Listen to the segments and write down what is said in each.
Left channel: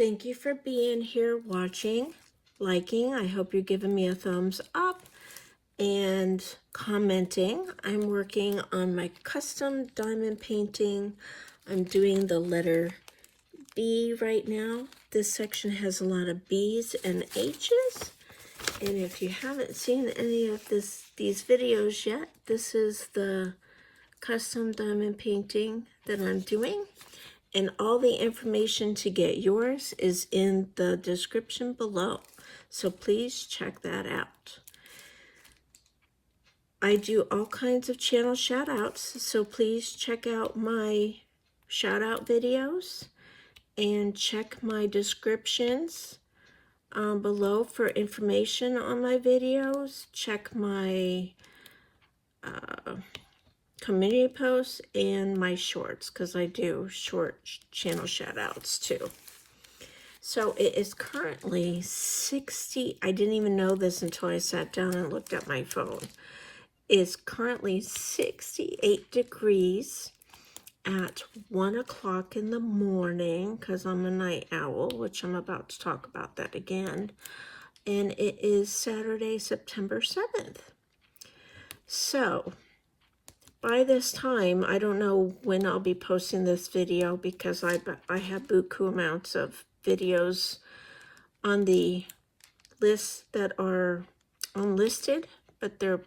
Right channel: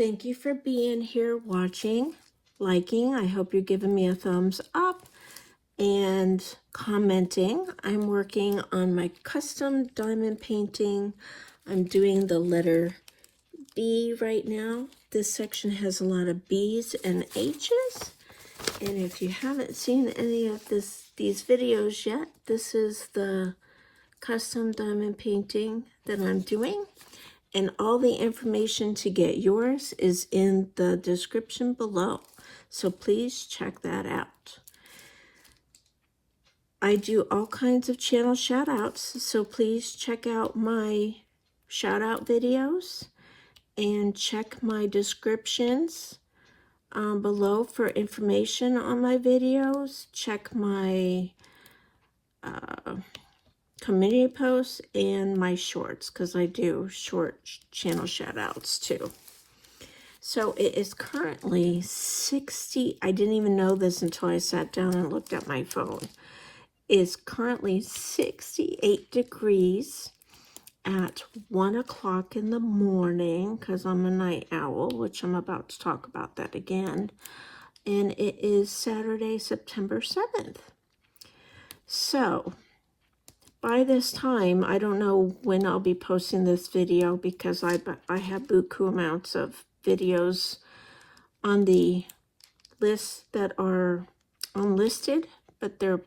Thank you for being here, watching, liking. I hope you're giving me a thumbs up and commenting. I'm working on my custom diamond painting. I'm doing the letter B right now. This section has a lot of B's and H's. And if you haven't seen any of these videos yet, this is the custom diamond painting that I'm doing. And all the information to get yours is in the description below. So please check that out. I do all kinds of channel shout outs. So please check out my shout out videos and check my descriptions below for information on my videos. Check my community posts and my shorts, because I do short channel shout outs too. So it is currently 60, I didn't even know this until I sat down and looked at my phone. It's currently 68 degrees at 1 o'clock in the morning, because I'm a night owl, which I'm about to talk about that again. And it is Saturday, September 7th. So by this time, I don't know when I'll be posting this video, because I have buku amounts of videos on the list that are unlisted, but they're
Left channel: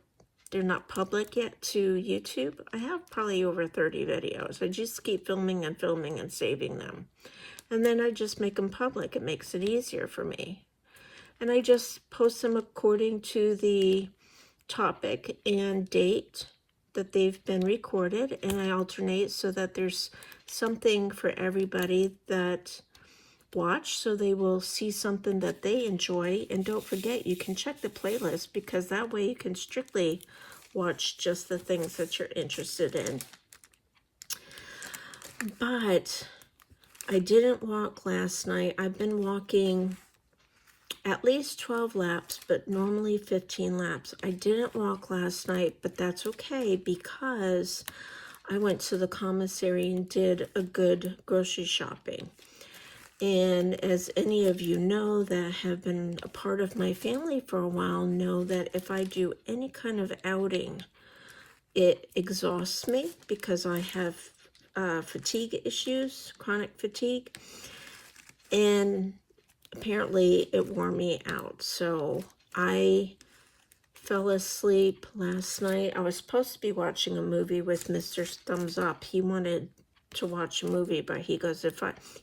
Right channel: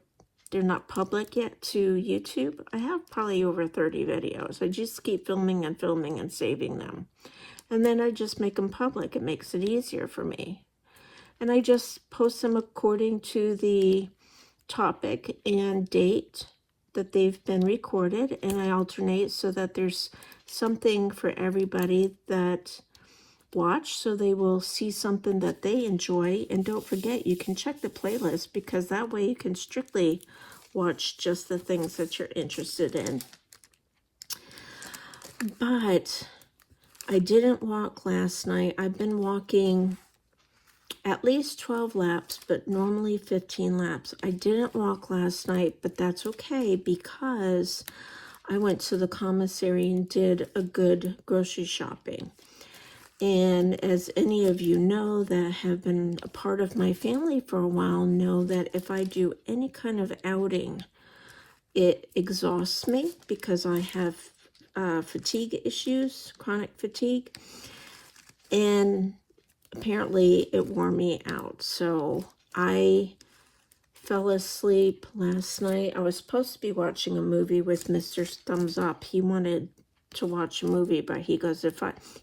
not public yet to YouTube. I have probably over 30 videos. I just keep filming and filming and saving them. And then I just make them public. It makes it easier for me. And I just post them according to the topic and date that they've been recorded, and I alternate so that there's something for everybody that watch, so they will see something that they enjoy. And don't forget, you can check the playlist, because that way you can strictly watch just the things that you're interested in. But I didn't walk last night. I've been walking at least 12 laps, but normally 15 laps. I didn't walk last night, but that's okay, because I went to the commissary and did a good grocery shopping. And as any of you know that have been a part of my family for a while know, that if I do any kind of outing, it exhausts me, because I have fatigue issues, chronic fatigue. And apparently it wore me out. So I fell asleep last night. I was supposed to be watching a movie with Mr. Thumbs Up. He wanted to watch a movie, but he goes,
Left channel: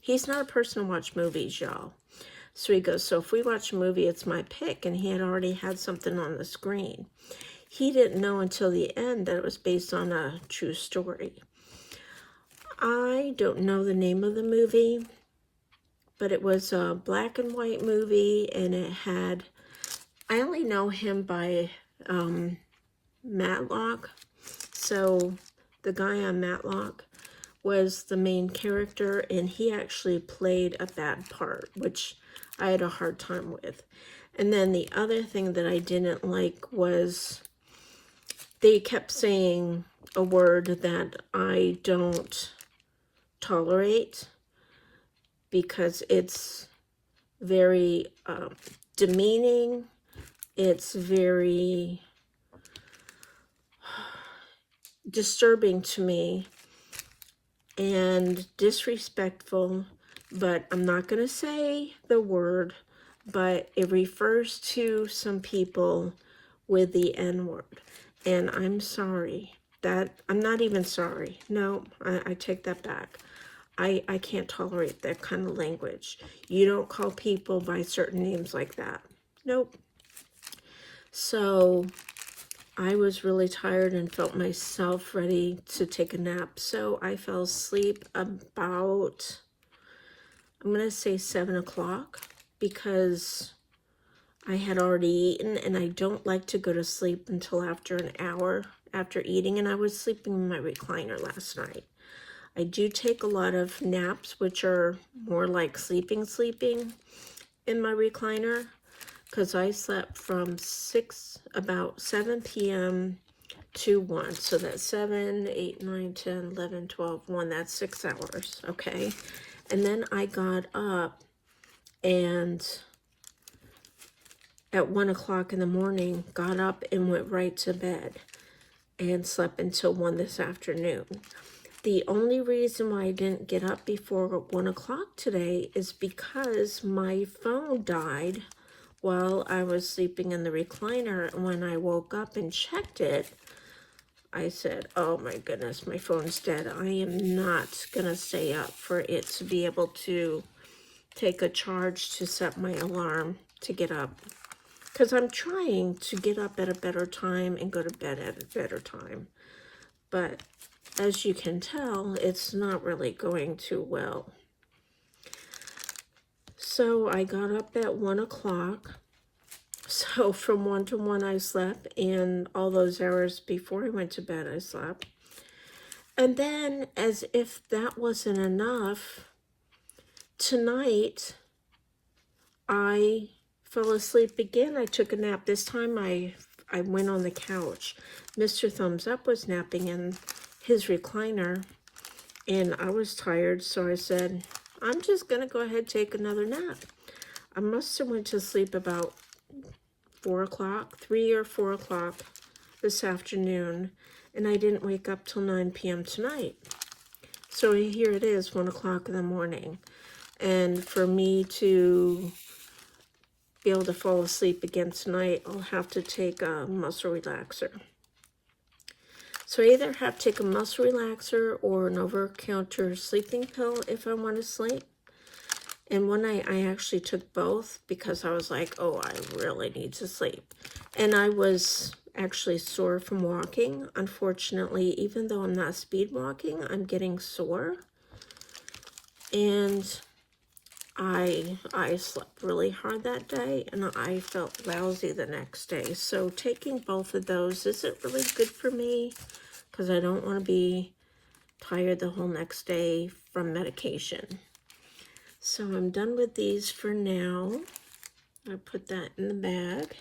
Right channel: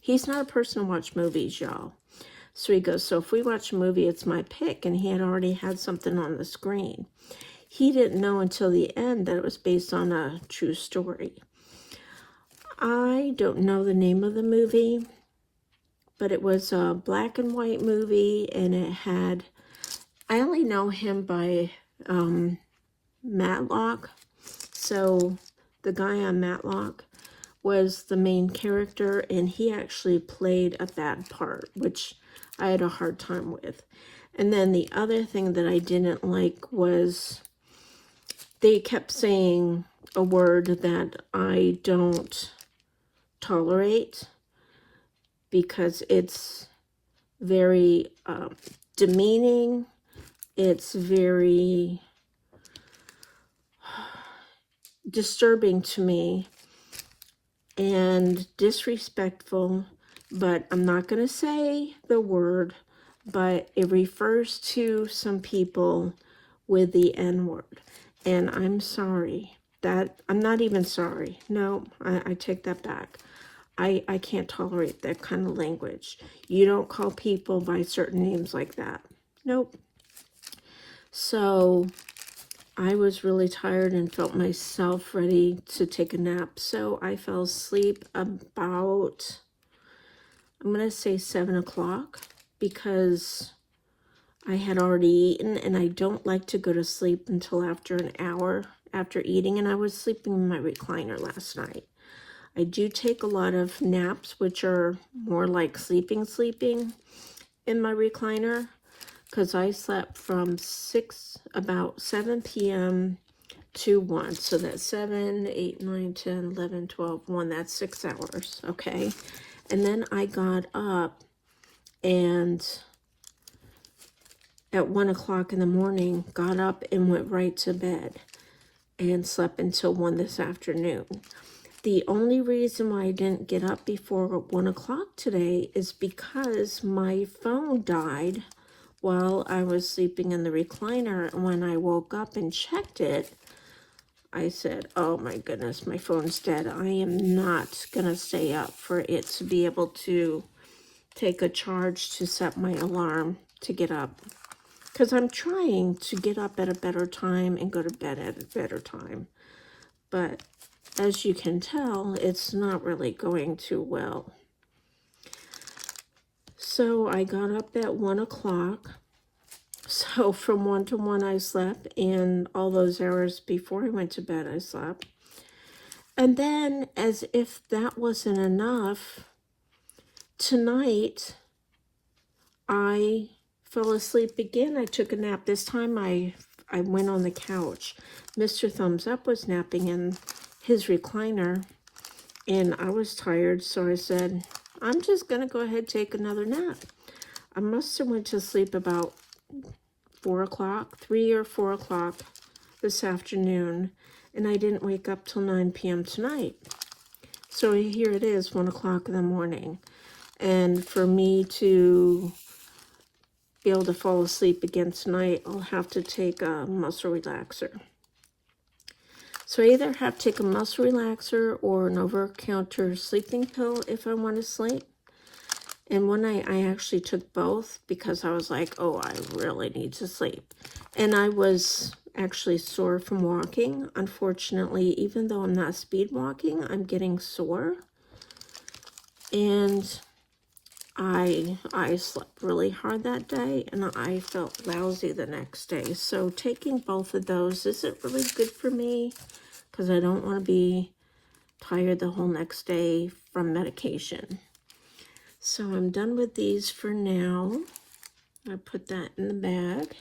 he's not a person to watch movies, y'all. So he goes, so if we watch a movie, it's my pick. And he had already had something on the screen. He didn't know until the end that it was based on a true story. I don't know the name of the movie, but it was a black and white movie, and it had, I only know him by Matlock. So the guy on Matlock was the main character, and he actually played a bad part, which I had a hard time with. And then the other thing that I didn't like was they kept saying a word that I don't tolerate, because it's very demeaning. It's very disturbing to me and disrespectful, but I'm not going to say the word, but it refers to some people with the N-word. And I'm sorry. I'm not even sorry. No, I take that back. I can't tolerate that kind of language. You don't call people by certain names like that. Nope. So I was really tired and felt myself ready to take a nap. So I fell asleep about, I'm going to say 7 o'clock, because I had already eaten, and I don't like to go to sleep until after an hour after eating. And I was sleeping in my recliner last night. I do take a lot of naps, which are more like sleeping in my recliner, because I slept from about 7 p.m. to 1. So that's 7, 8, 9, 10, 11, 12, 1. That's 6 hours, okay? And then I got up and at 1 o'clock in the morning, got up and went right to bed and slept until 1 this afternoon. The only reason why I didn't get up before 1 o'clock today is because my phone died while I was sleeping in the recliner. And when I woke up and checked it, I said, oh my goodness, my phone's dead. I am not going to stay up for it to be able to take a charge to set my alarm to get up. Because I'm trying to get up at a better time and go to bed at a better time. But as you can tell, it's not really going too well. So I got up at 1 o'clock. So from 1 to 1 I slept, and all those hours before I went to bed I slept. And then, as if that wasn't enough, tonight I fell asleep again. I took a nap. This time I went on the couch. Mr. Thumbs Up was napping in his recliner, and I was tired, so I said, I'm just going to go ahead and take another nap. I must have went to sleep about 4 o'clock, 3 or 4 o'clock this afternoon, and I didn't wake up till 9 p.m. tonight. So here it is, 1 o'clock in the morning. And for me to be able to fall asleep again tonight, I'll have to take a muscle relaxer. So I either have to take a muscle relaxer or an over-the-counter sleeping pill if I want to sleep. And one night I actually took both because I was like, oh, I really need to sleep. And I was actually sore from walking. Unfortunately, even though I'm not speed walking, I'm getting sore. And I slept really hard that day, and I felt lousy the next day. So taking both of those isn't really good for me because I don't want to be tired the whole next day from medication. So I'm done with these for now. I put that in the bag.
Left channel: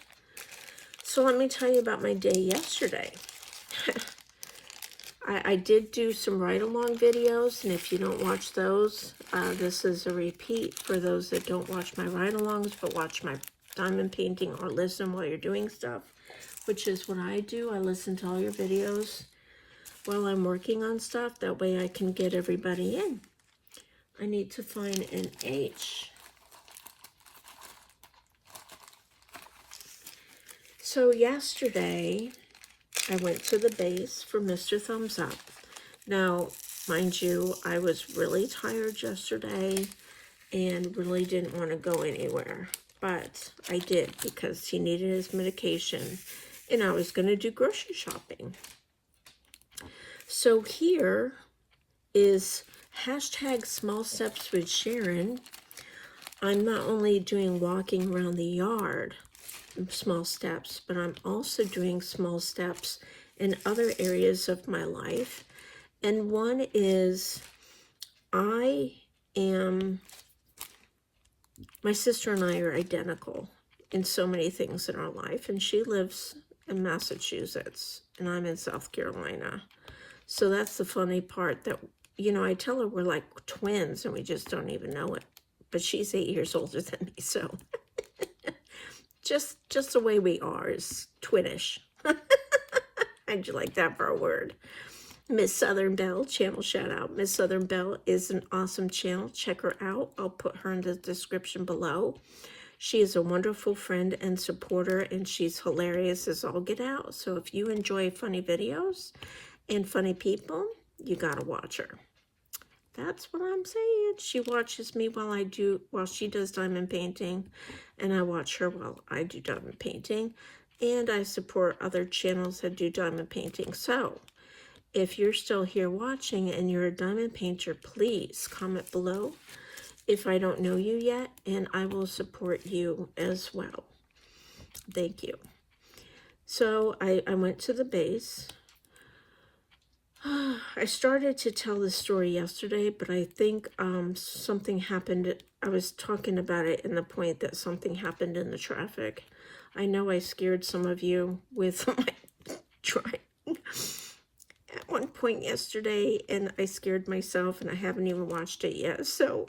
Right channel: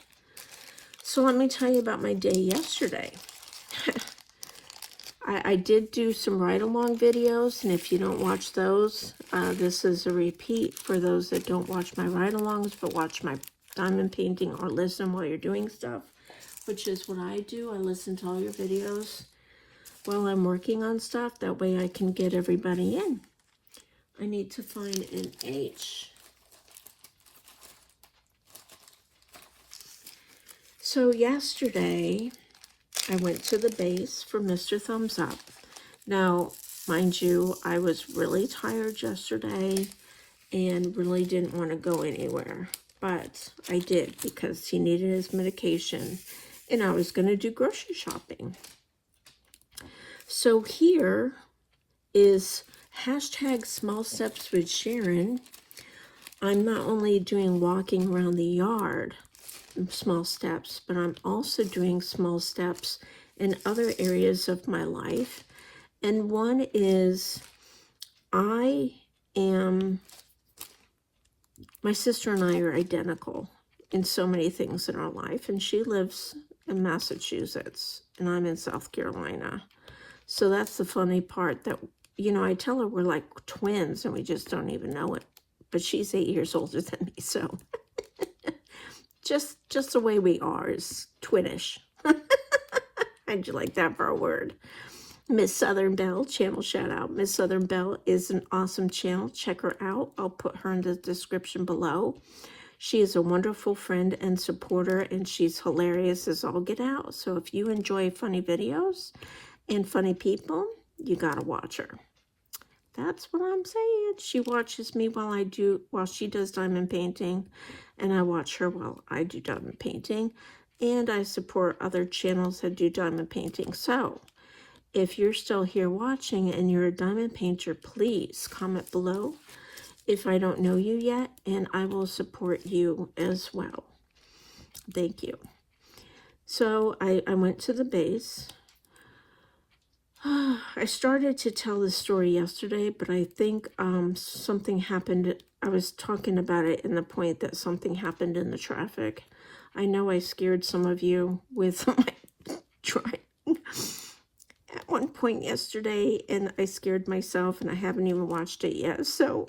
So let me tell you about my day yesterday. I did do some ride-along videos, and if you don't watch those, this is a repeat for those that don't watch my ride-alongs, but watch my diamond painting or listen while you're doing stuff, which is what I do. I listen to all your videos while I'm working on stuff. That way I can get everybody in. I need to find an H. So yesterday, I went to the base for Mr. Thumbs Up. Now, mind you, I was really tired yesterday and really didn't want to go anywhere. But I did because he needed his medication and I was going to do grocery shopping. So here is hashtag Small Steps with Sharon. I'm not only doing walking around the yard, small steps, but I'm also doing small steps in other areas of my life. And one is my sister and I are identical in so many things in our life, and she lives in Massachusetts and I'm in South Carolina. So that's the funny part, that, you know, I tell her we're like twins and we just don't even know it, but she's 8 years older than me, so just the way we are is twinish. How'd you like that for a word? Miss Southern Belle, channel shout out. Miss Southern Belle is an awesome channel. Check her out. I'll put her in the description below. She is a wonderful friend and supporter, and she's hilarious as all get out. So if you enjoy funny videos and funny people, you gotta watch her. That's what I'm saying. She watches me while she does diamond painting, and I watch her while I do diamond painting, and I support other channels that do diamond painting. So if you're still here watching and you're a diamond painter, please comment below if I don't know you yet, and I will support you as well. Thank you. So I went to the base. I started to tell the story yesterday, but I think something happened. I was talking about it in the point that something happened in the traffic. I know I scared some of you with my driving at one point yesterday, and I scared myself, and I haven't even watched it yet. So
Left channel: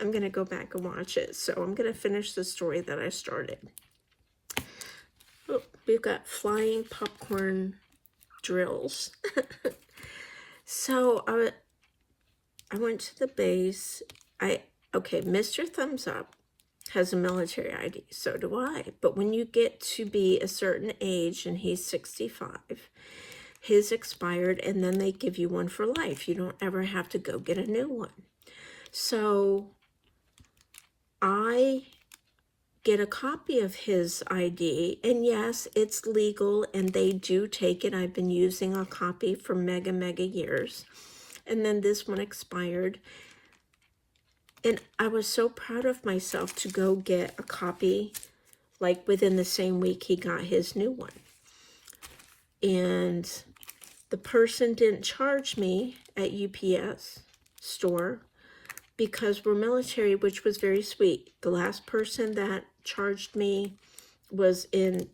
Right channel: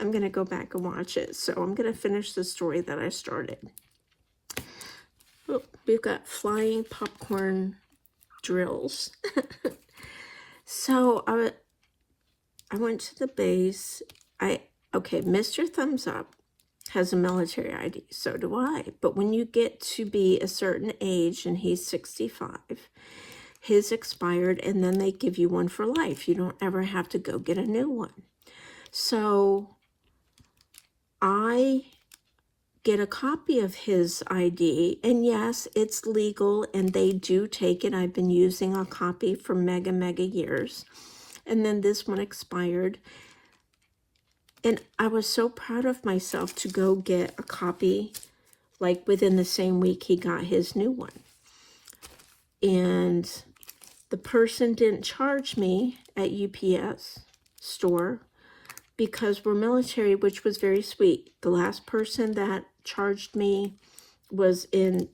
I'm going to go back and watch it. So I'm going to finish the story that I started. Oh, we've got flying popcorn drills. So I went to the base. Okay, Mr. Thumbs Up has a military ID. So do I. But when you get to be a certain age, and he's 65, his expired, and then they give you one for life. You don't ever have to go get a new one. So I get a copy of his ID, and yes, it's legal, and they do take it. I've been using a copy for mega years, and then this one expired, and I was so proud of myself to go get a copy, like within the same week he got his new one. And the person didn't charge me at UPS store because we're military, which was very sweet. The last person that charged me was in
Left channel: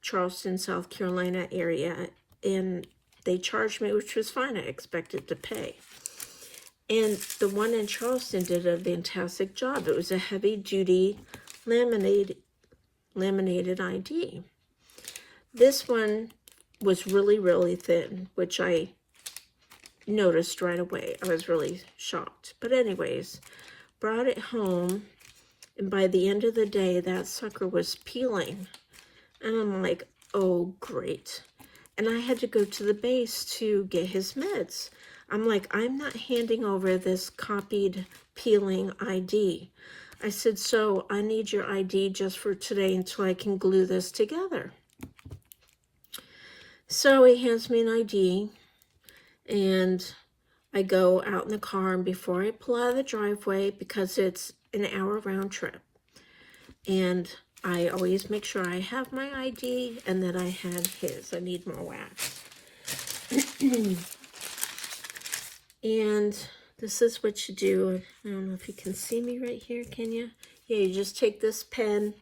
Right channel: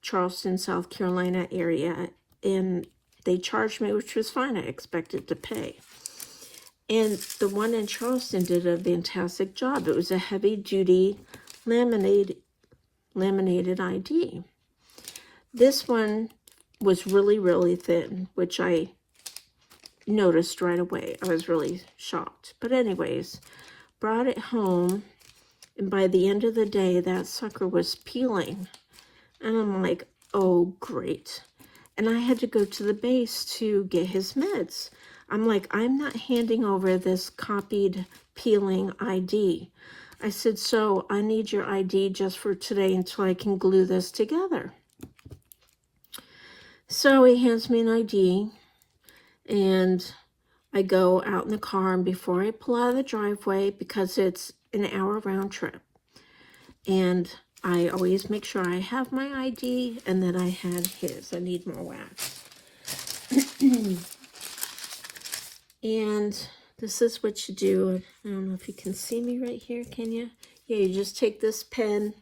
Charleston, South Carolina area, and they charged me, which was fine. I expected to pay. And the one in Charleston did a fantastic job. It was a heavy-duty laminated ID. This one was really thin, which I noticed right away. I was really shocked. But anyways, brought it home, and by the end of the day, that sucker was peeling. And I'm like, oh, great. And I had to go to the base to get his meds. I'm like, I'm not handing over this copied peeling ID. I said, so I need your ID just for today until I can glue this together. So he hands me an ID, and I go out in the car, and before I pull out of the driveway, because it's an hour round trip, and I always make sure I have my ID and that I have his. I need more wax. And this is what you do. I don't know if you can see me right here, can you? Yeah, you just take this pen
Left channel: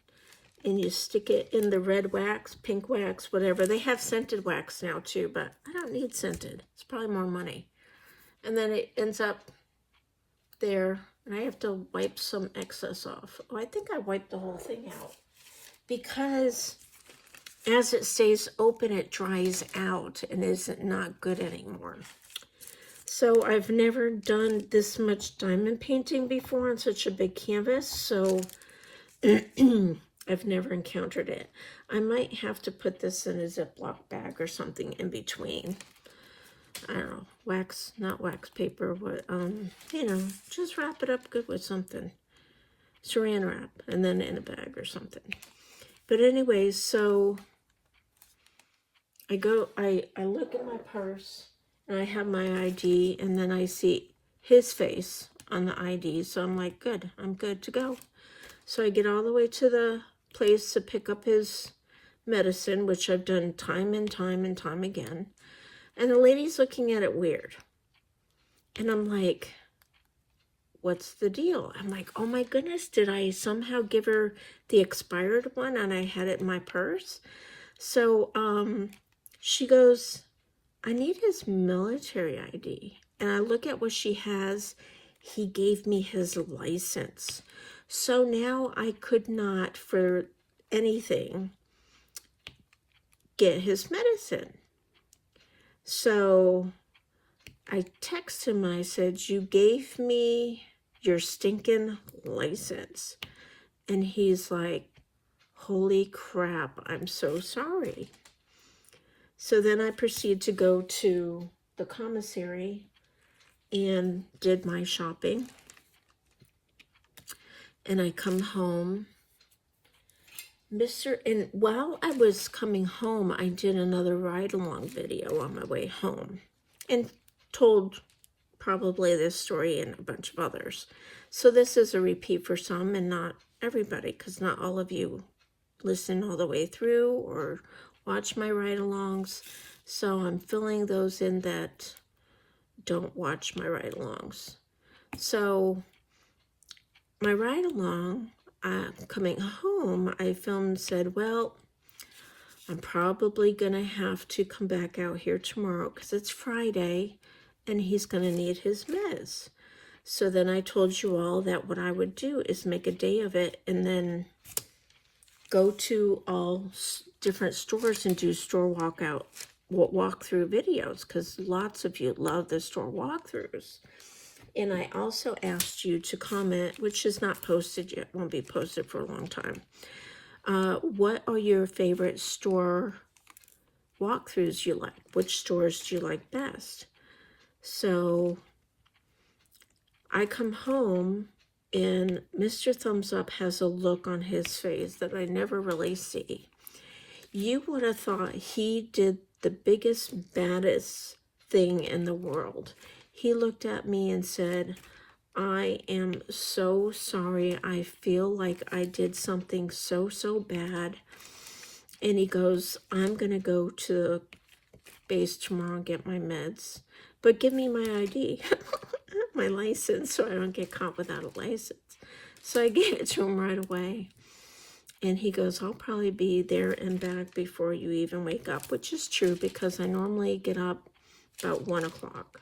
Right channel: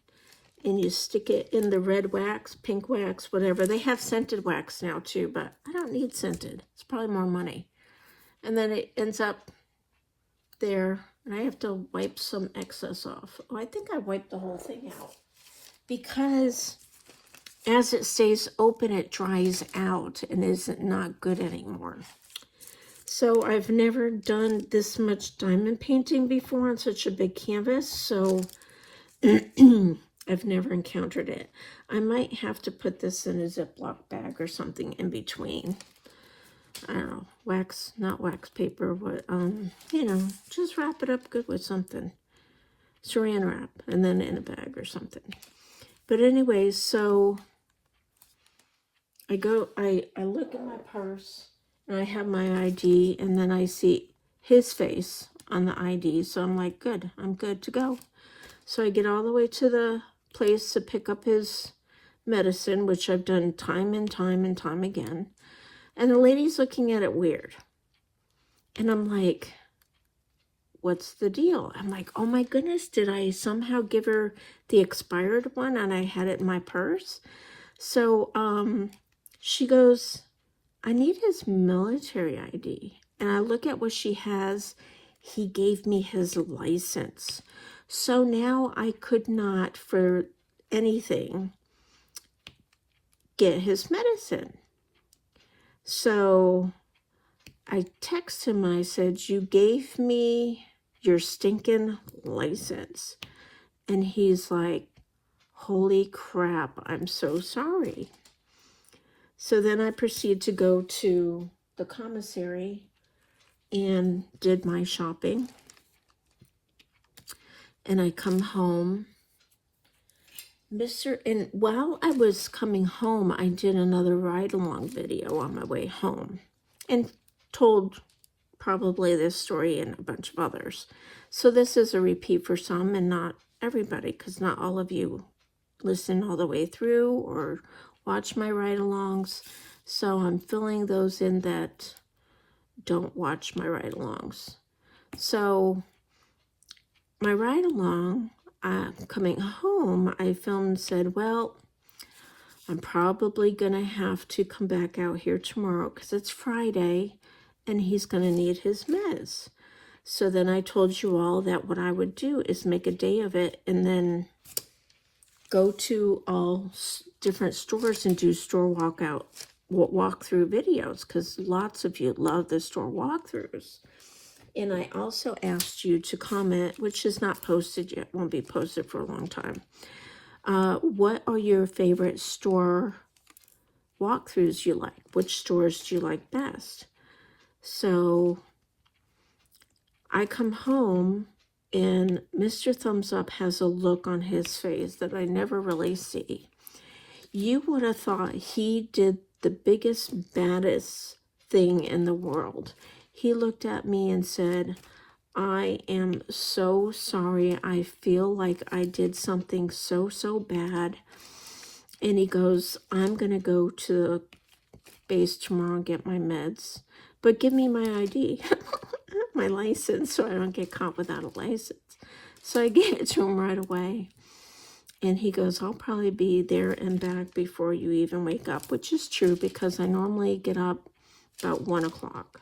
and you stick it in the red wax, pink wax, whatever. They have scented wax now too, but I don't need scented. It's probably more money. And then it ends up there, and I have to wipe some excess off. Oh, I think I wiped the whole thing out, because as it stays open, it dries out and is not good anymore. So I've never done this much diamond painting before on such a big canvas, so I've never encountered it. I might have to put this in a Ziploc bag or something in between. I don't know, wax, not wax paper, but, you know, just wrap it up good with something. Saran wrap, and then in a bag or something. But anyways, so I look at my purse, and I have my ID, and then I see his face on the ID, so I'm like, good, I'm good to go. So I get all the way to the place to pick up his medicine, which I've done time and time again. And the lady's looking at it weird. And I'm like, what's the deal? I'm like, oh my goodness, did I somehow give her the expired one and I had it in my purse? So she goes, I need his military ID. And I look at what she has. He gave me his license. So now I could not, for anything, get his medicine. So I texted him, I said, you gave me your stinking license. And he's like, holy crap, I'm so sorry. So then I proceeded to go to the commissary and did my shopping. And I come home. And while I was coming home, I did another ride-along video on my way home and told probably this story and a bunch of others. So this is a repeat for some and not everybody, because not all of you listen all the way through or watch my ride-alongs. So I'm filling those in that don't watch my ride-alongs. So my ride-along, coming home, I filmed and said, well, I'm probably going to have to come back out here tomorrow because it's Friday and he's going to need his meds. So then I told you all that what I would do is make a day of it and then go to all different stores and do store walkthrough videos, because lots of you love the store walkthroughs. And I also asked you to comment, which is not posted yet, won't be posted for a long time. What are your favorite store walkthroughs you like? Which stores do you like best? So I come home and Mr. Thumbs Up has a look on his face that I never really see. You would have thought he did the biggest, baddest thing in the world. He looked at me and said, I am so sorry. I feel like I did something so bad. And he goes, I'm going to go to the base tomorrow and get my meds. But give me my ID, my license, so I don't get caught without a license. So I gave it to him right away. And he goes, I'll probably be there and back before you even wake up, which is true because I normally get up about 1 o'clock.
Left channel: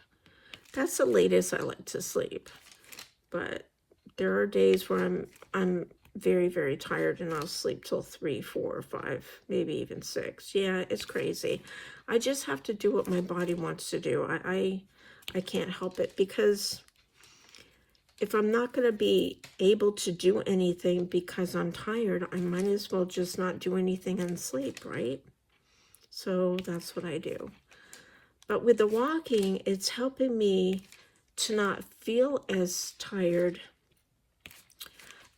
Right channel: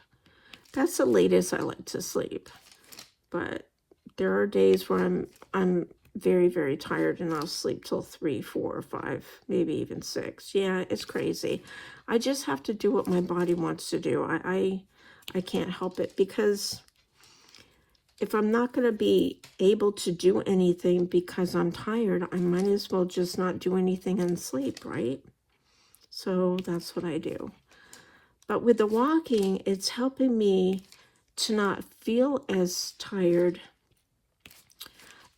That's the latest I like to sleep. But there are days when I'm very tired and I'll sleep till 3, 4, 5, maybe even 6. Yeah, it's crazy. I just have to do what my body wants to do. I can't help it, because if I'm not going to be able to do anything because I'm tired, I might as well just not do anything and sleep, right? So that's what I do. But with the walking, it's helping me to not feel as tired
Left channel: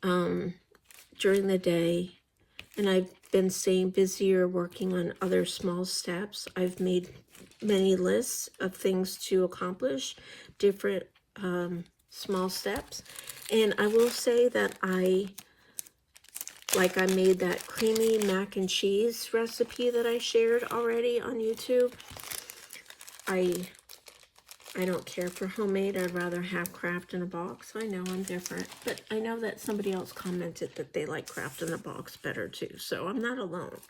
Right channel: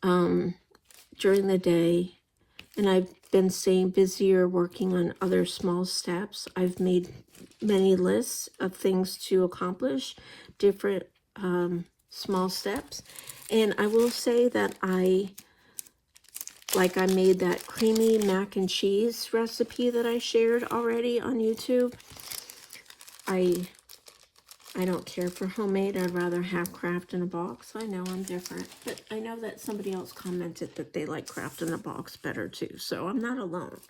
during the day. And I've been staying busier working on other small steps. I've made many lists of things to accomplish, different small steps. And I will say that I made that creamy mac and cheese recipe that I shared already on YouTube. I don't care for homemade. I'd rather have Kraft in a box. I know I'm different, but I know that somebody else commented that they like Kraft in a box better too. So I'm not alone.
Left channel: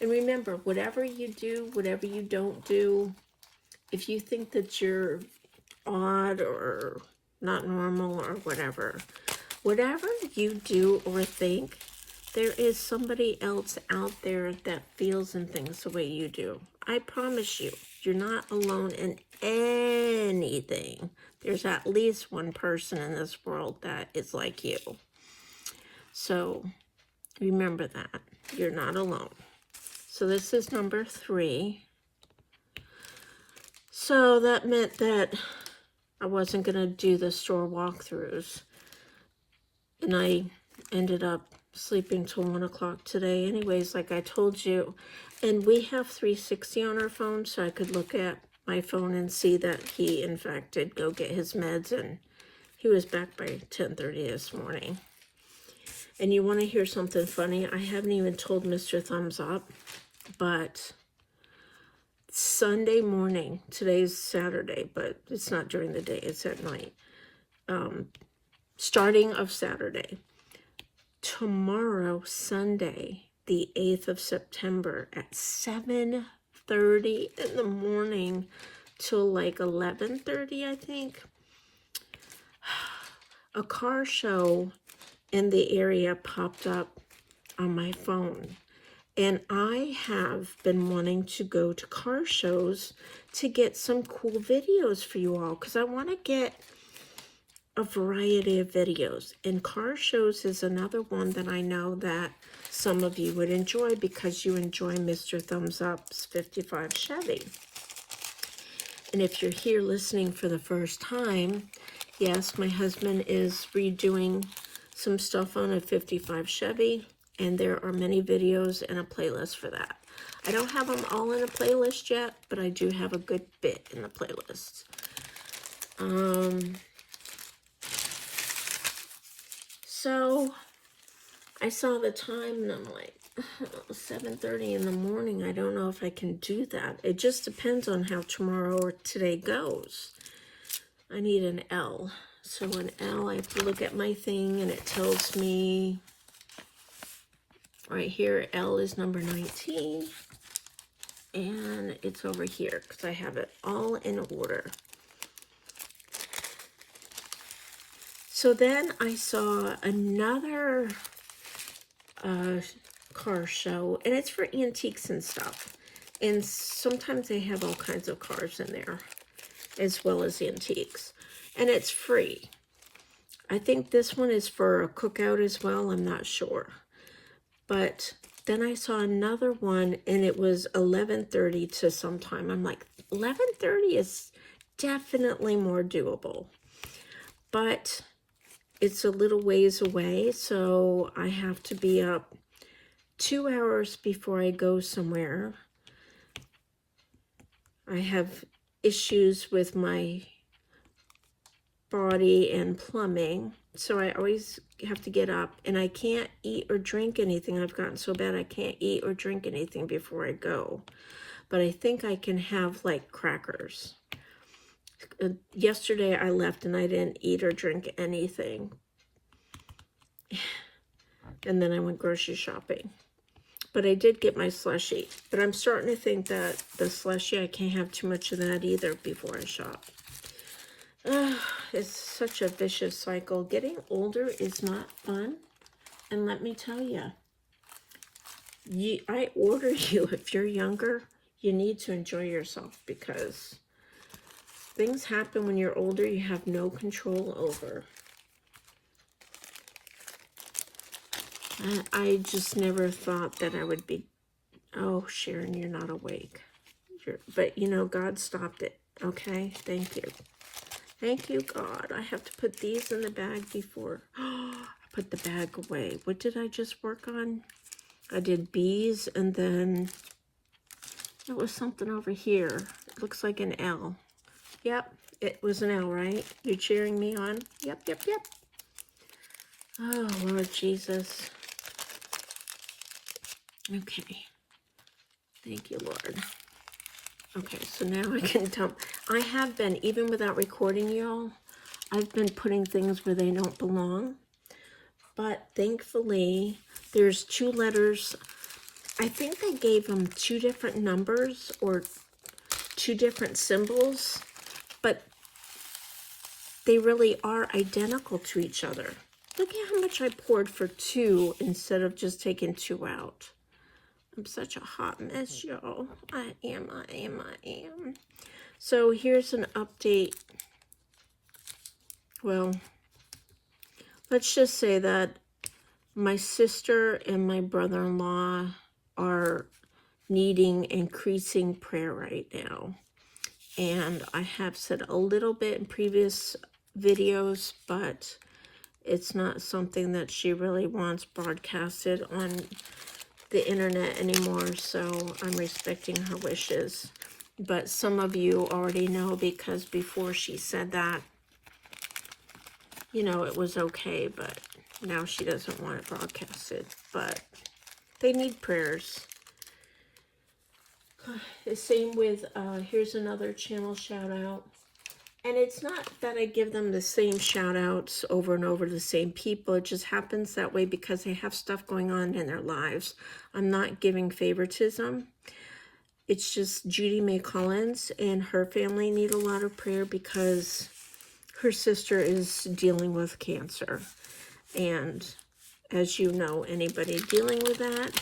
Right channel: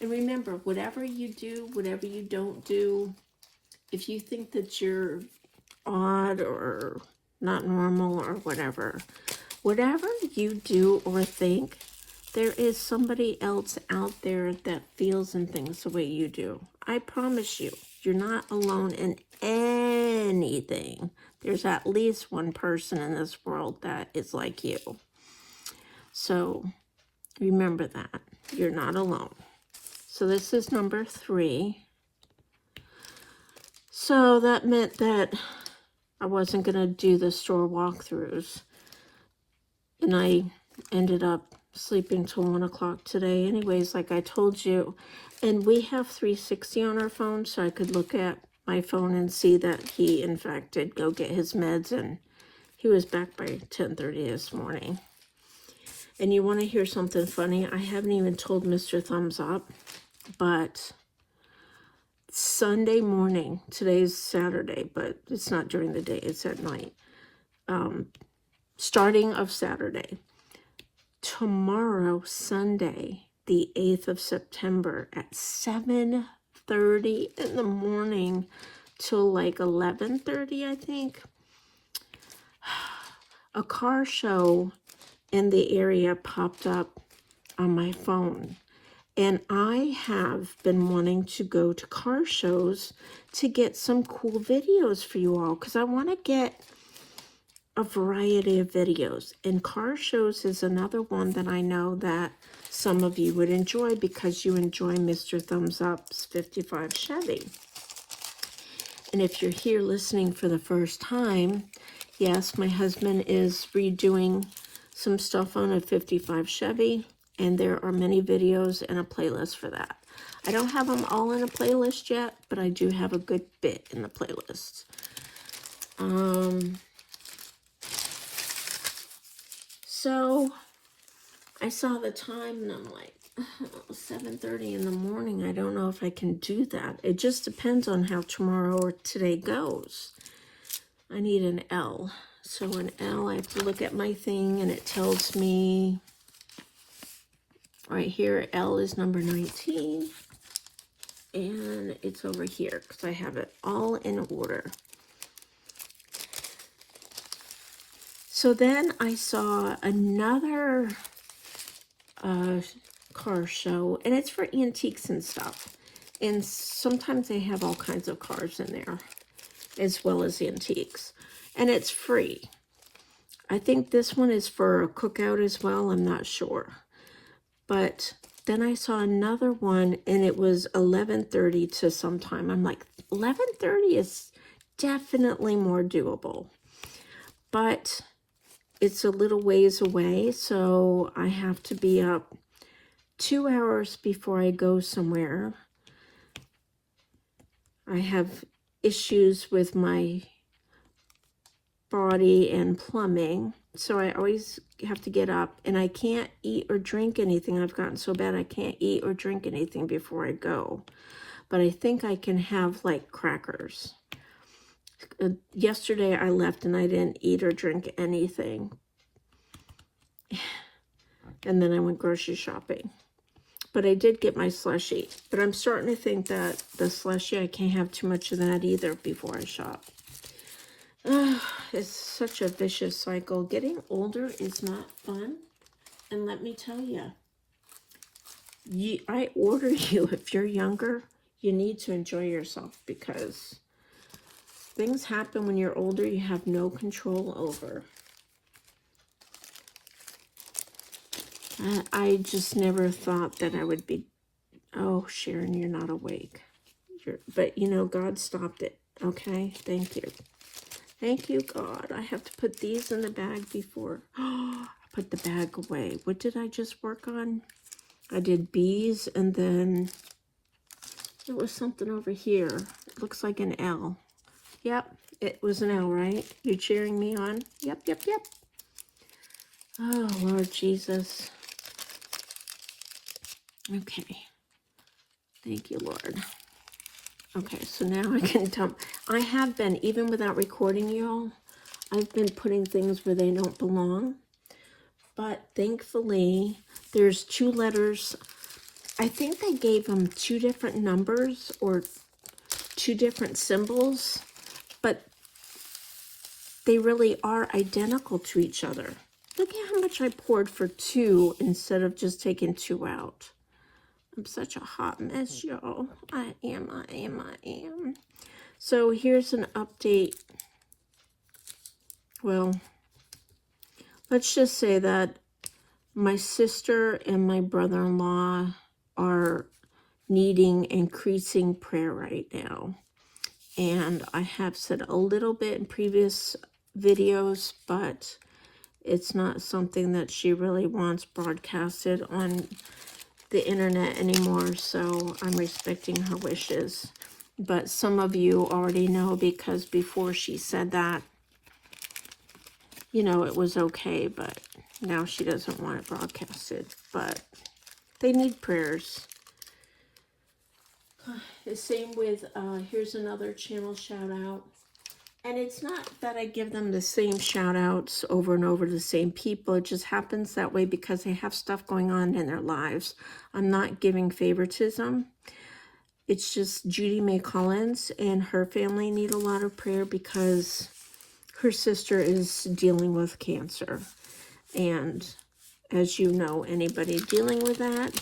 And remember, whatever you do, whatever you don't do, if you think that you're odd or not normal or whatever you do or think, there is somebody else out there that feels and thinks the way you do. I promise you, you're not alone in anything. There's at least one person in this world that is like you. So remember that. You're not alone. So this is number 3. So that meant that I wasn't going to do the store walkthroughs. And I ended up sleeping till 1 o'clock today anyways, like I told you. And we have 360 on our phone, so I could look at my phone and see that he, in fact, did go get his meds, and he was back by 10:30 this morning. And you want to hear something funny? I haven't even told Mr. Thumbs Up, but Sunday morning, today's Saturday, but it's not during the day, it's at night. Starting of Saturday. Tomorrow, Sunday, the 8th of September at 7:30 in the morning till like 11:30, I think. A car show in the area popped up on my phone. And I have been wanting to go to car shows to get some cool videos for you all, because I want to get a variety of videos. And car shows is another one that I know that some of you would enjoy, because you enjoy Mr. Thumbs Up's 55 Chevy. And if you're here listening for the first time, yes, my husband is redoing some stuff on a 55 Chevy, and there are many videos and a playlist for that. I don't have them all in a playlist yet, but I do have a good bit in the playlist. So I saw the time and I'm like, 7:30 in the morning. I don't know if I can do that. It just depends on how tomorrow or today goes. I need an L. So an L, I have to look at my thing and it tells me right here, L is number 19. And it's over here because I have it all in order. So then I saw another car show, and it's for antiques and stuff. And sometimes they have all kinds of cars in there, as well as antiques. And it's free. I think this one is for a cookout as well. I'm not sure. But then I saw another one, and it was 11:30 to sometime. I'm like, 11:30 is definitely more doable. But it's a little ways away, so I have to be up 2 hours before I go somewhere. I have issues with my body and plumbing, so I always have to get up, and I can't eat or drink anything. I've gotten so bad I can't eat or drink anything before I go, but I think I can have like crackers. Yesterday I left and I didn't eat or drink anything, and then I went grocery shopping. But I did get my slushie, but I'm starting to think that the slushie, I can't have too much of that either before I shop. It's such a vicious cycle. Getting older is not fun. And let me tell you, I order you, if you're younger, you need to enjoy yourself, because things happen when you're older you have no control over. I just never thought that I would be, oh, Sharon, you're not awake. But, you know, God stopped it, okay? Thank you. Thank you, God. I have to put these in the bag before. Oh, I put the bag away. What did I just work on? I did bees, and then it was something over here. It looks like an L. Yep, it was an L, right? You're cheering me on? Yep, yep, yep. Oh, Lord Jesus. Okay. Thank you, Lord. Okay, so now I can tell. I have been, even without recording, y'all, I've been putting things where they don't belong. But thankfully, there's 2 letters. I think I gave them 2 different numbers or 2 different symbols, but they really are identical to each other. Look at how much I poured for 2 instead of just taking 2 out. I'm such a hot mess, y'all. I am. So here's an update. Well, let's just say that my sister and my brother-in-law are needing increasing prayer right now. And I have said a little bit in previous videos, but it's not something that she really wants broadcasted on the internet anymore, so I'm respecting her wishes. But some of you already know, because before she said that, you know, it was okay, but now she doesn't want it broadcasted. But they need prayers. The same with, here's another channel shout out. And it's not that I give them the same shout outs over and over to the same people. It just happens that way because they have stuff going on in their lives. I'm not giving favoritism. It's just Judy Mae Collins and her family need a lot of prayer because her sister is dealing with cancer. And as you know, anybody dealing with that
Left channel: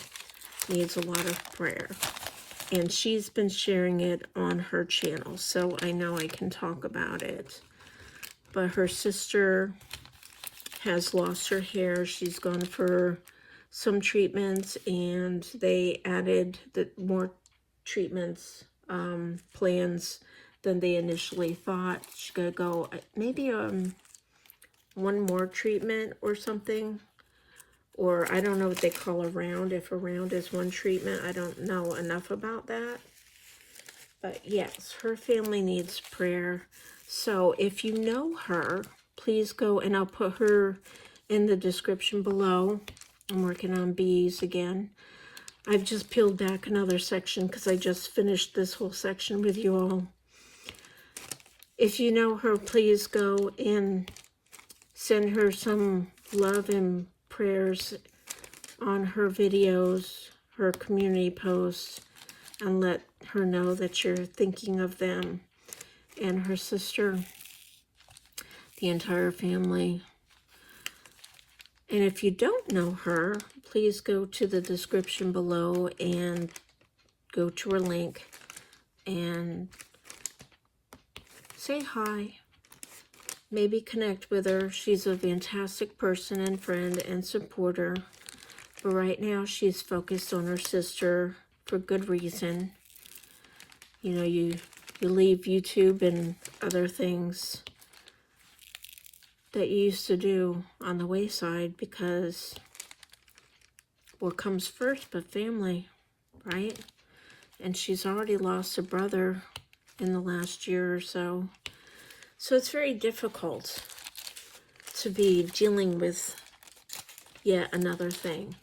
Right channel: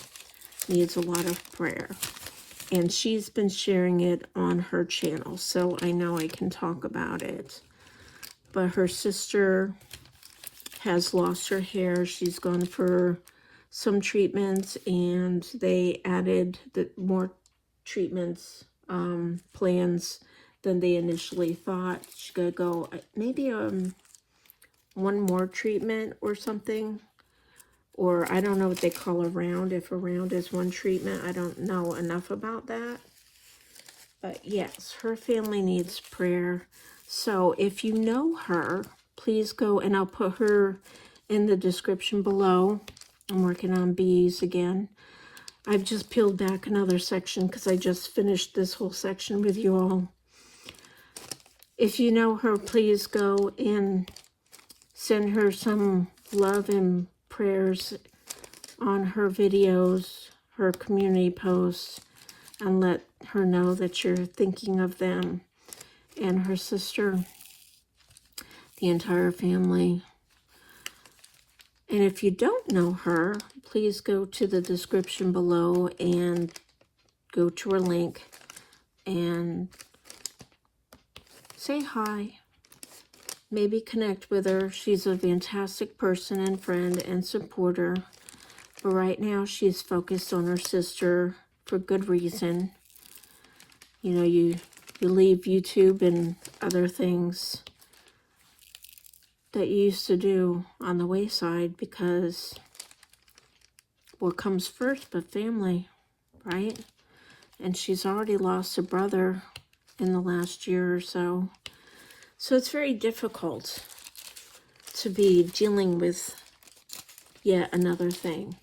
needs a lot of prayer. And she's been sharing it on her channel, so I know I can talk about it. But her sister has lost her hair. She's gone for some treatments, and they added more treatments plans than they initially thought. She's going to go maybe one more treatment or something. Or I don't know what they call a round. If a round is one treatment, I don't know enough about that. But yes, her family needs prayer. So if you know her, please go, and I'll put her in the description below. I'm working on bees again. I've just peeled back another section because I just finished this whole section with you all. If you know her, please go and send her some love and prayers on her videos, her community posts, and let her know that you're thinking of them and her sister, the entire family. And if you don't know her, please go to the description below and go to her link and say hi. Maybe connect with her. She's a fantastic person and friend and supporter. But right now, she's focused on her sister for good reason. You know, you leave YouTube and other things that you used to do on the wayside because what comes first but family, right? And she's already lost a brother in the last year or so. So it's very difficult to be dealing with yet another thing.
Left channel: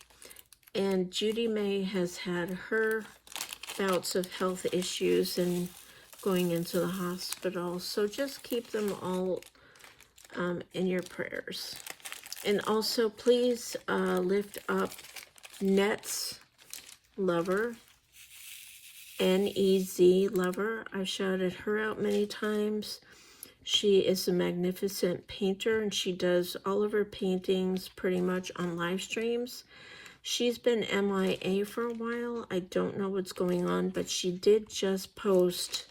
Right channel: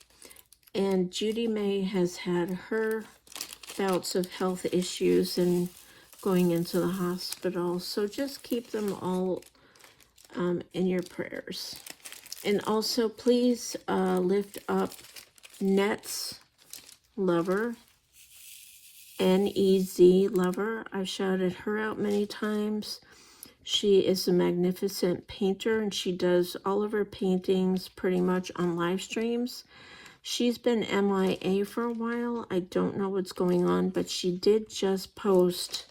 And Judy May has had her bouts of health issues and going into the hospital. So just keep them all in your prayers. And also please lift up Net's lover, N-E-Z lover. I've shouted her out many times. She is a magnificent painter and she does all of her paintings pretty much on live streams. She's been MIA for a while. I don't know what's going on, but she did just post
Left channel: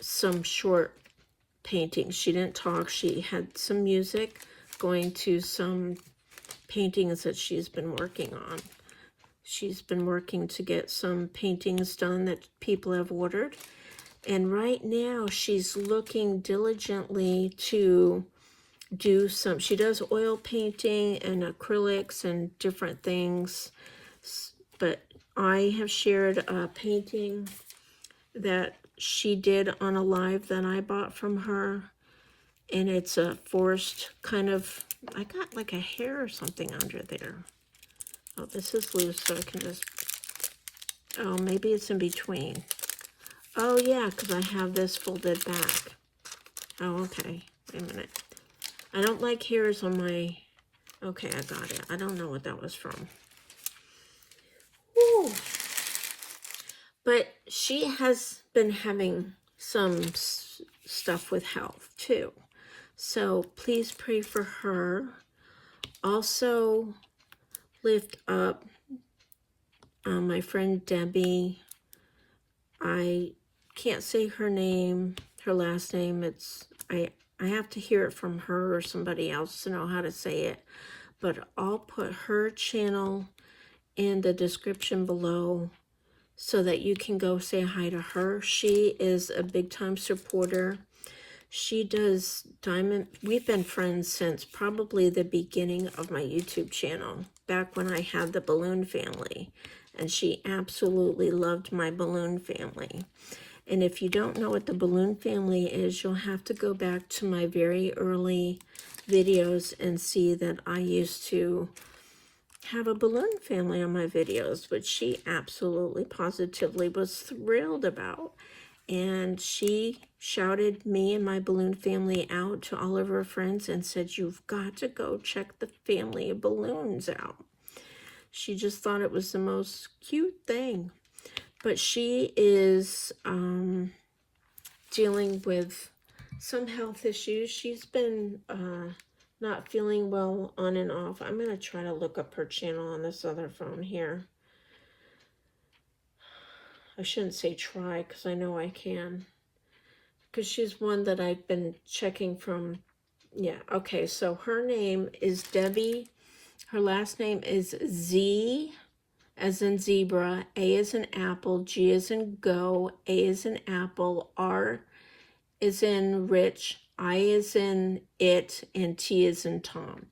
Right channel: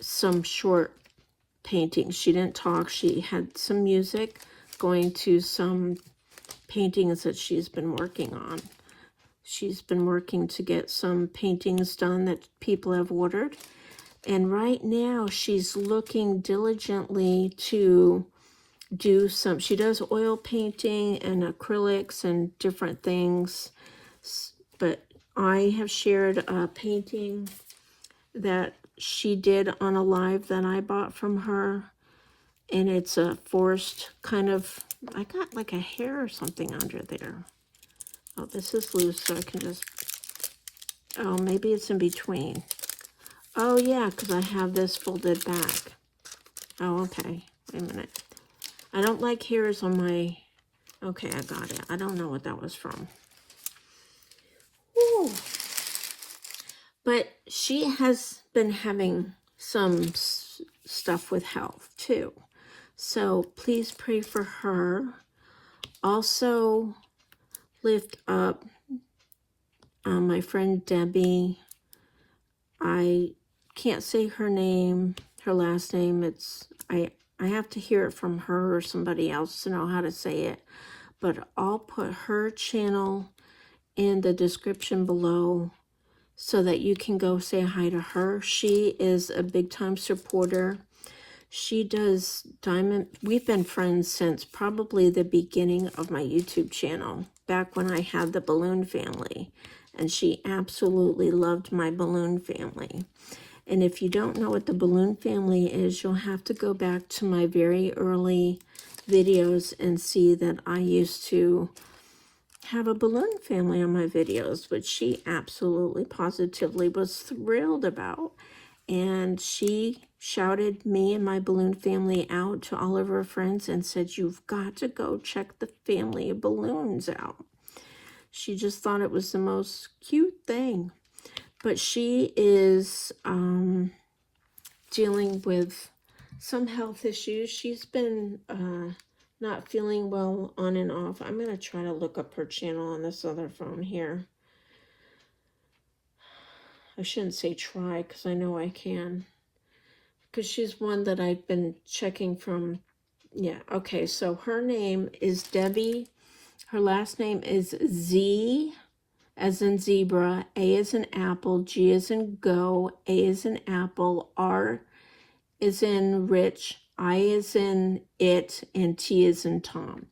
some short paintings. She didn't talk. She had some music going to some paintings that she's been working on. She's been working to get some paintings done that people have ordered. And right now she's looking diligently to do some, she does oil painting and acrylics and different things. But I have shared a painting that she did on a live that I bought from her. And it's a forest kind of, I got like a hair or something under there. Oh, this is loose, so I can just, oh, maybe it's in between. Oh, yeah, because I have this folded back. Oh, okay. Wait a minute. I don't like hairs on my, okay, I got it. I don't know what that was from. Whew. But she has been having some stuff with health, too. So please pray for her. Also, lift up my friend Debbie. I can't say her name, her last name. I have to hear it from her or somebody else to know how to say it. But I'll put her channel in the description below so that you can go say hi to her. She is a big time supporter. She does diamond. We've been friends since probably the beginning of my YouTube channel, back when I had the balloon family. And she absolutely loved my balloon family. And if you don't know what the balloon family is, you'll have to go back to my very early videos and see that I used to have a balloon family on my videos, which she absolutely positively was thrilled about. And she shouted me and my balloon family out to all of her friends and said, you've got to go check the family of balloons out. She just thought it was the most cute thing. But she is dealing with some health issues. She's been not feeling well on and off. I'm going to try to look up her channel on this other phone here. I shouldn't say try because I know I can. Because she's one that I've been checking from. Yeah, okay, so her name is Debbie. Her last name is Z as in zebra, A as in apple, G as in go, A as in apple, R is in rich, I is in it, and T is in Tom.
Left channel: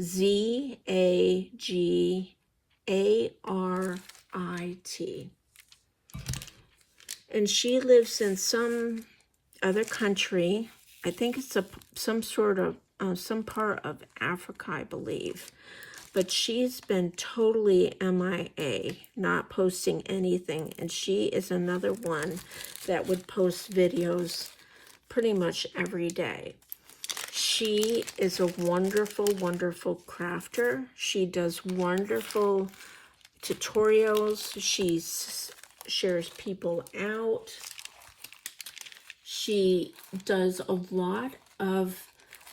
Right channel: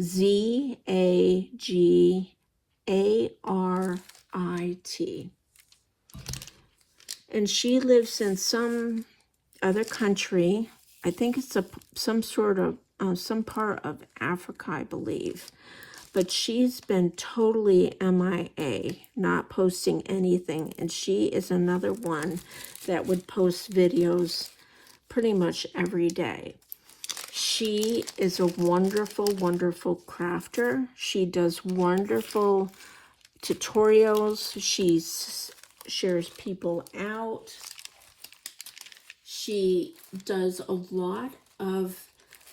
Z-A-G-A-R-I-T. And she lives in some other country. I think it's some sort of, some part of Africa, I believe. But she's been totally MIA, not posting anything. And she is another one that would post videos pretty much every day. She is a wonderful, wonderful crafter. She does wonderful tutorials. She shares people out. She does a lot of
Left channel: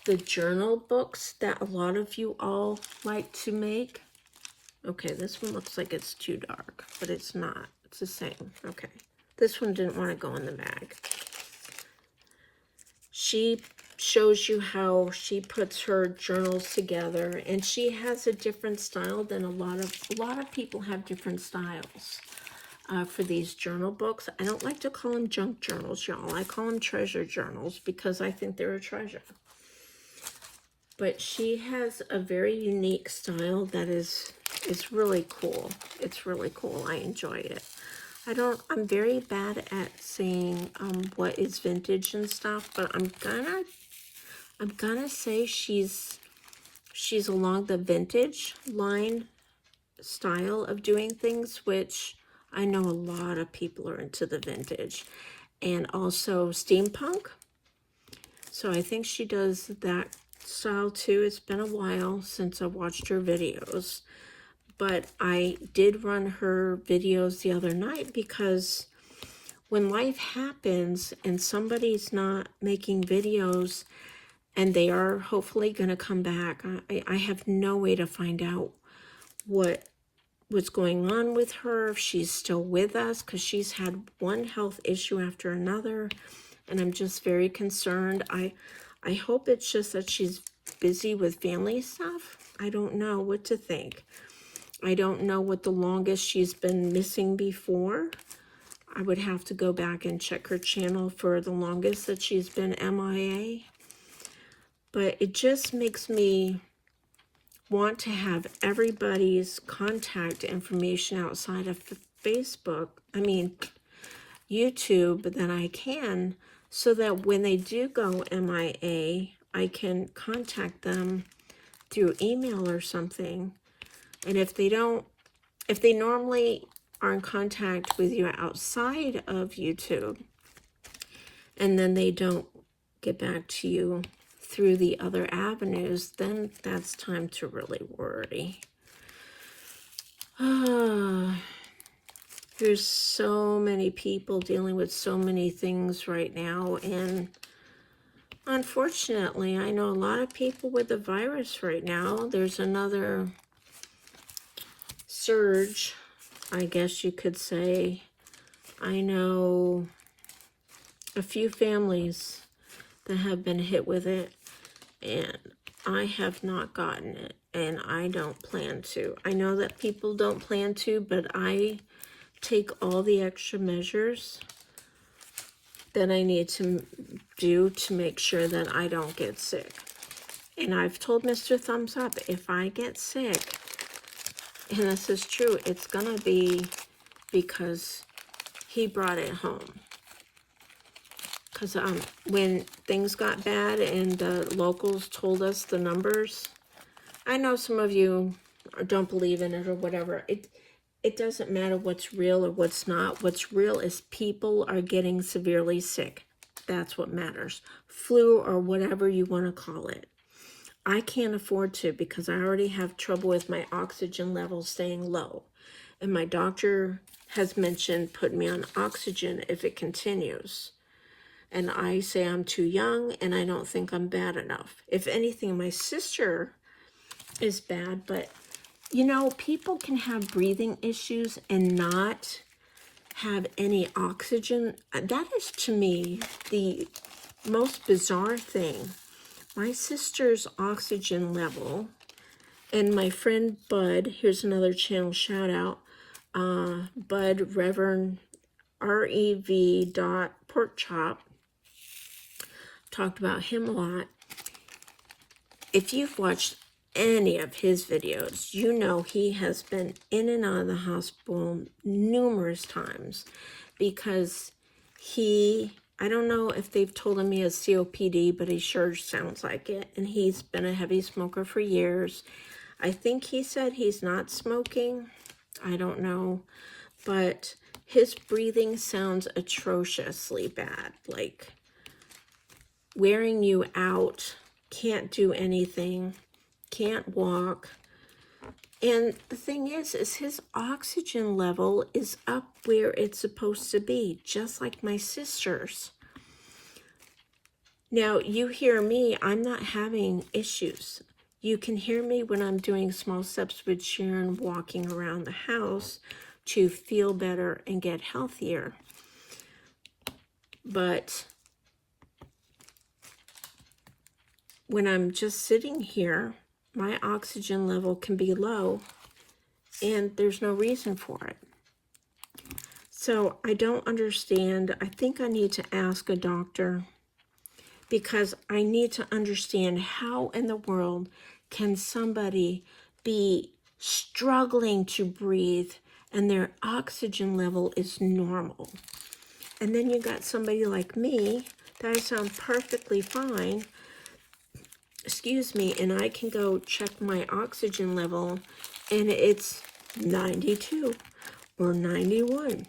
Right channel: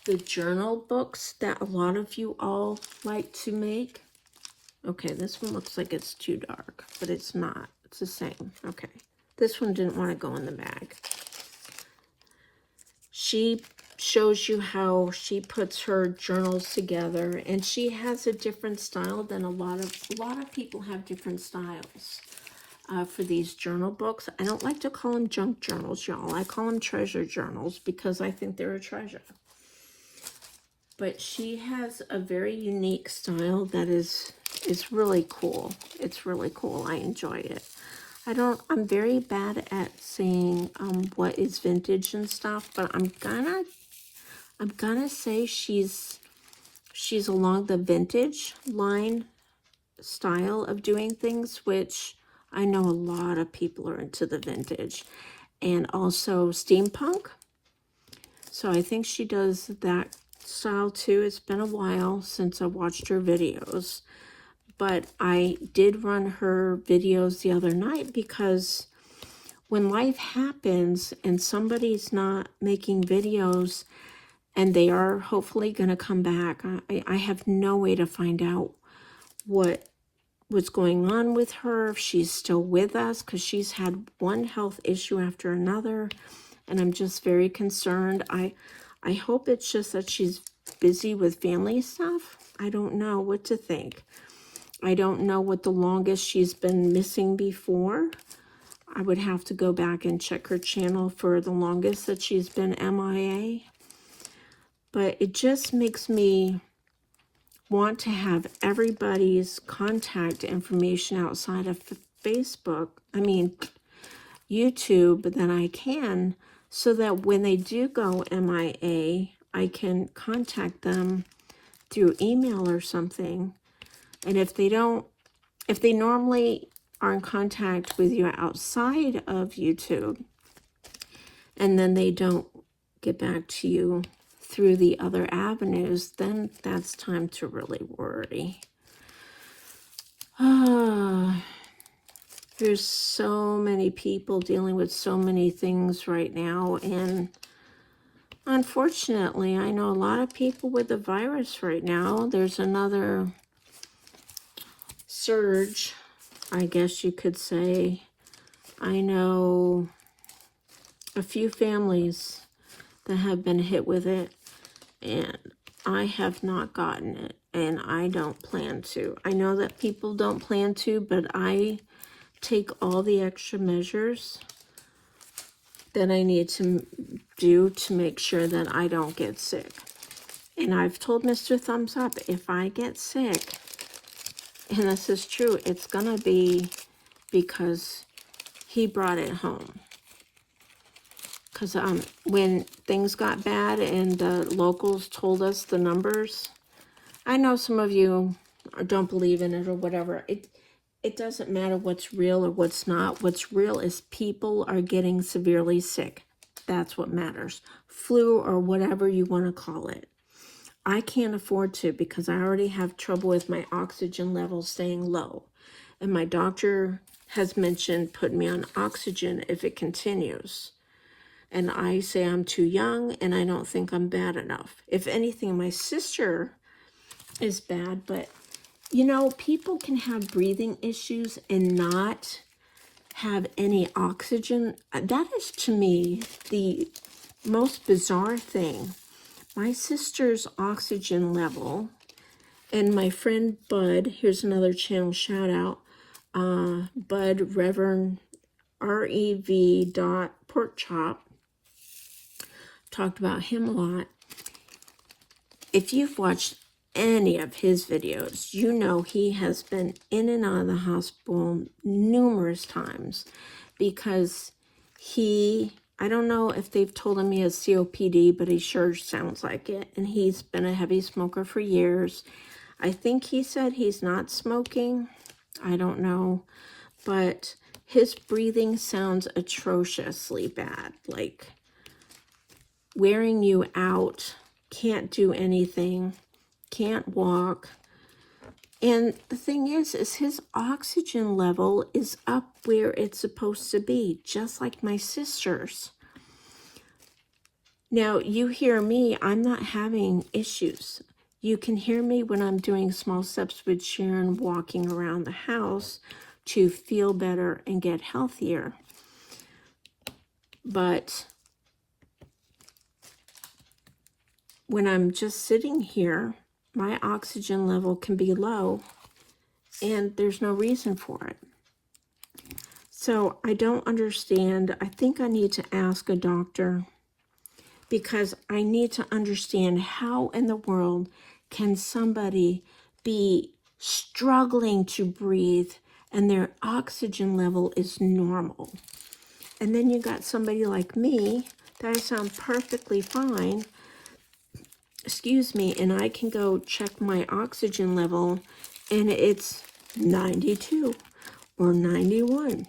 the journal books that a lot of you all like to make. Okay, this one looks like it's too dark, but it's not. It's the same. Okay. This one didn't want to go in the bag. She shows you how she puts her journals together, and she has a different style than a lot of people have different styles for these journal books. I don't like to call them junk journals, y'all. I call them treasure journals because I think they're a treasure. But she has a very unique style that is really cool. It's really cool. I enjoy it. I'm very bad at saying what is vintage and stuff, but I'm gonna say she's along the vintage line style of doing things, which I know a lot of people are into the vintage, and also steampunk. So I think she does that style too. It's been a while since I watched her videos, but I did run her videos the other night because when life happens and somebody's not making videos and they are hopefully going to come back, I have no way to find out what's going on with her, if she's still with us, because she's had one health issue after another, and I'm just very concerned. I hope it's just that she's busy with family stuff. I don't know what to think. I don't know what the longest she's been missing before. I would have to go back and check her channel for the longest that she's been MIA. But it just makes me want to have everybody's contact information outside of Facebook, YouTube, that I can, so that when they do go MIA, I can contact them through email or something. And if they normally are in contact with you outside of YouTube, and then they don't get back to you through the other avenues, then that's time to really worry. There's so many people dealing with so many things right now, and unfortunately, I know a lot of people with the virus right now. There's another surge, I guess you could say. I know a few families that have been hit with it, and I have not gotten it, and I don't plan to. I know that people don't plan to, but I take all the extra measures that I need to do to make sure that I don't get sick. And I've told Mr. Thumbs Up, if I get sick, and this is true, it's gonna be because he brought it home. Because when things got bad and the locals told us the numbers, I know some of you don't believe in it or whatever. It doesn't matter what's real or what's not. What's real is people are getting severely sick. That's what matters. Flu or whatever you want to call it. I can't afford to because I already have trouble with my oxygen levels staying low. And my doctor has mentioned putting me on oxygen if it continues. And I say I'm too young and I don't think I'm bad enough. If anything, my sister is bad, but you know, people can have breathing issues and not have any oxygen. That is, to me, the most bizarre thing. My sister's oxygen level, and my friend Bud, here's another channel shout out, Bud Reverend REV Pork Chop, talked about him a lot. If you've watched any of his videos, you know he has been in and out of the hospital numerous times because I don't know if they've told him he has COPD, but he sure sounds like it. And he's been a heavy smoker for years. I think he said he's not smoking. I don't know. But his breathing sounds atrociously bad. Like wearing you out, can't do anything, can't walk. And the thing is his oxygen level is up where it's supposed to be, just like my sister's. Now, you hear me, I'm not having issues. You can hear me when I'm doing small steps with Sharon, walking around the house to feel better and get healthier. But when I'm just sitting here, my oxygen level can be low and there's no reason for it. So I don't understand. I think I need to ask a doctor, because I need to understand how in the world can somebody be struggling to breathe and their oxygen level is normal. And then you got somebody like me that I sound perfectly fine, excuse me, and I can go check my oxygen level and it's 92 or 91.